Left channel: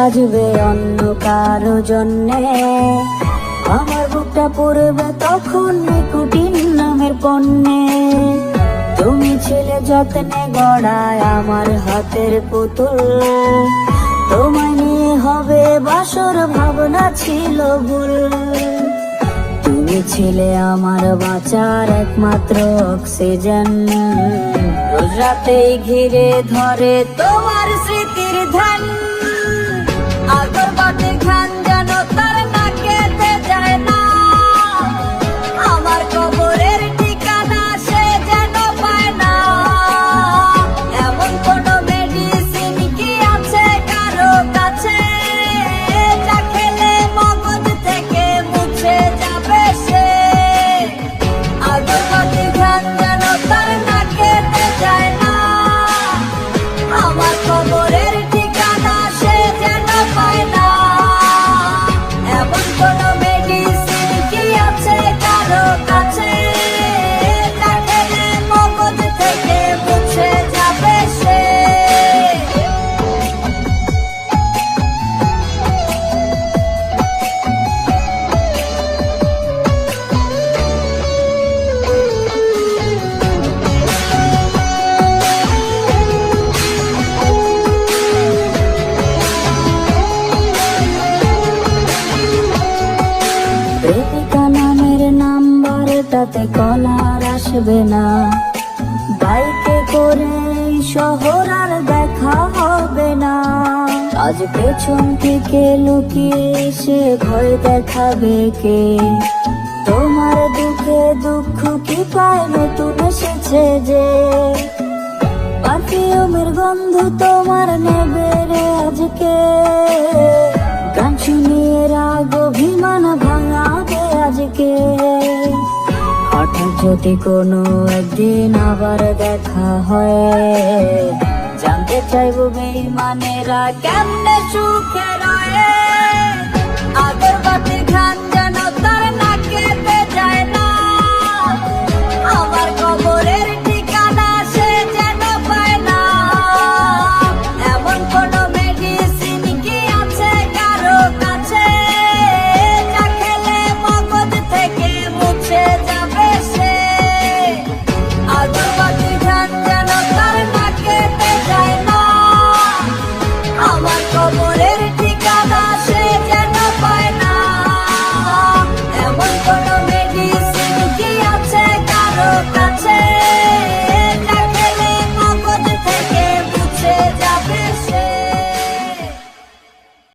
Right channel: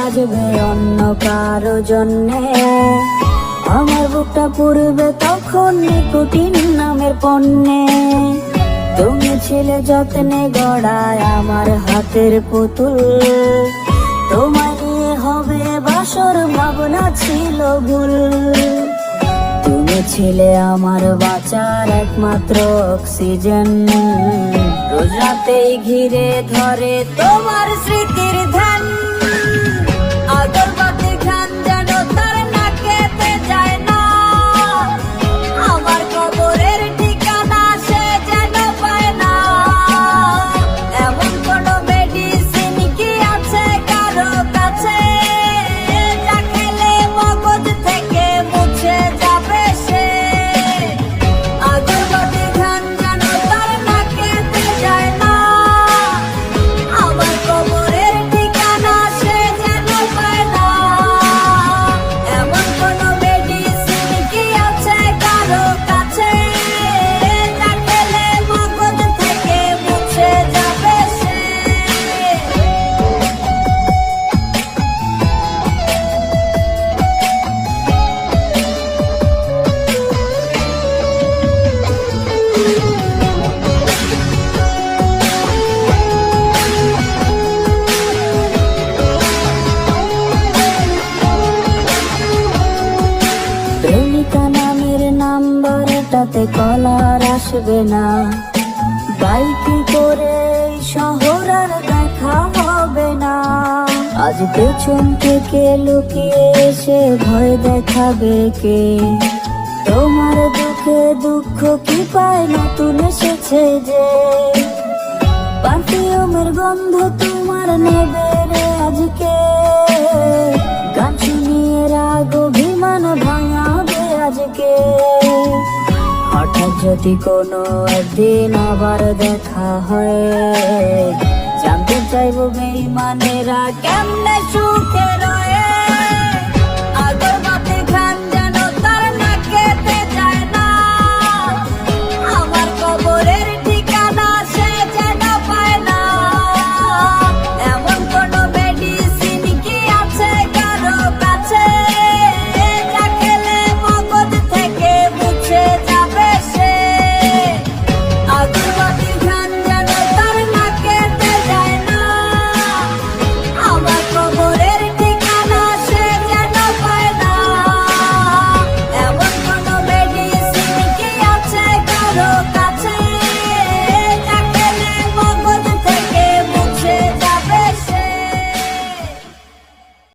সাজবে অন্য কারো জন্যে, আমার বুকটা পুরবে তখন নিকোটিন নামের পণ্যে। তুমি ছিলে যত্নে গড়ায় আমার হাতের পুতুল, তোমায় নিয়ে হবে বাসর ভাবনা ছিল ভুল। তুমি ছিলে আমার বাঁচার একমাত্র অক্সিজেন, রোজ রাতেই ঘিরে ধরে তোমার স্মৃতির ধ্যান। আগরবাতির ঘ্রাণ যেন তার নাকেতে যায় না, আমার কবরের ঠিকানা সে যেন পায় না। এমন কোন মেডিসিন কি আছে কারো কাছে, যা খেলে মগজ থেকে মুছে যাবে সে। আগরবাতির ঘ্রাণ যেন তার নাকেতে যায় না, আমার কবরের ঠিকানা সে যেন পায় না। এমন কোন মেডিসিন কি আছে কারো কাছে, যা খেলে মগজ থেকে মুছে যাবে সে। প্রেমিকা নামের নাম্বারটাতে কলার আসবে না, বাইকে করে এই শহর আর দেখা হবে না। আজ পেছন থেকে লুকিয়ে এসে ভয় দেখাবে কে, তোমার দুঃখে দুঃখ কি পায় নতুন এসেছে যে। পারফিউমের গন্ধ তোমার নেবে রে আজকে, গান শুনিয়ে রাগ অভিমান ভাঙাবে আজকে। হঠাৎ যদি কোনো একদিন আবার দেখা হয়, জানতে চাইবো বেঈমানেরা কেমনে সুখে রয়ে।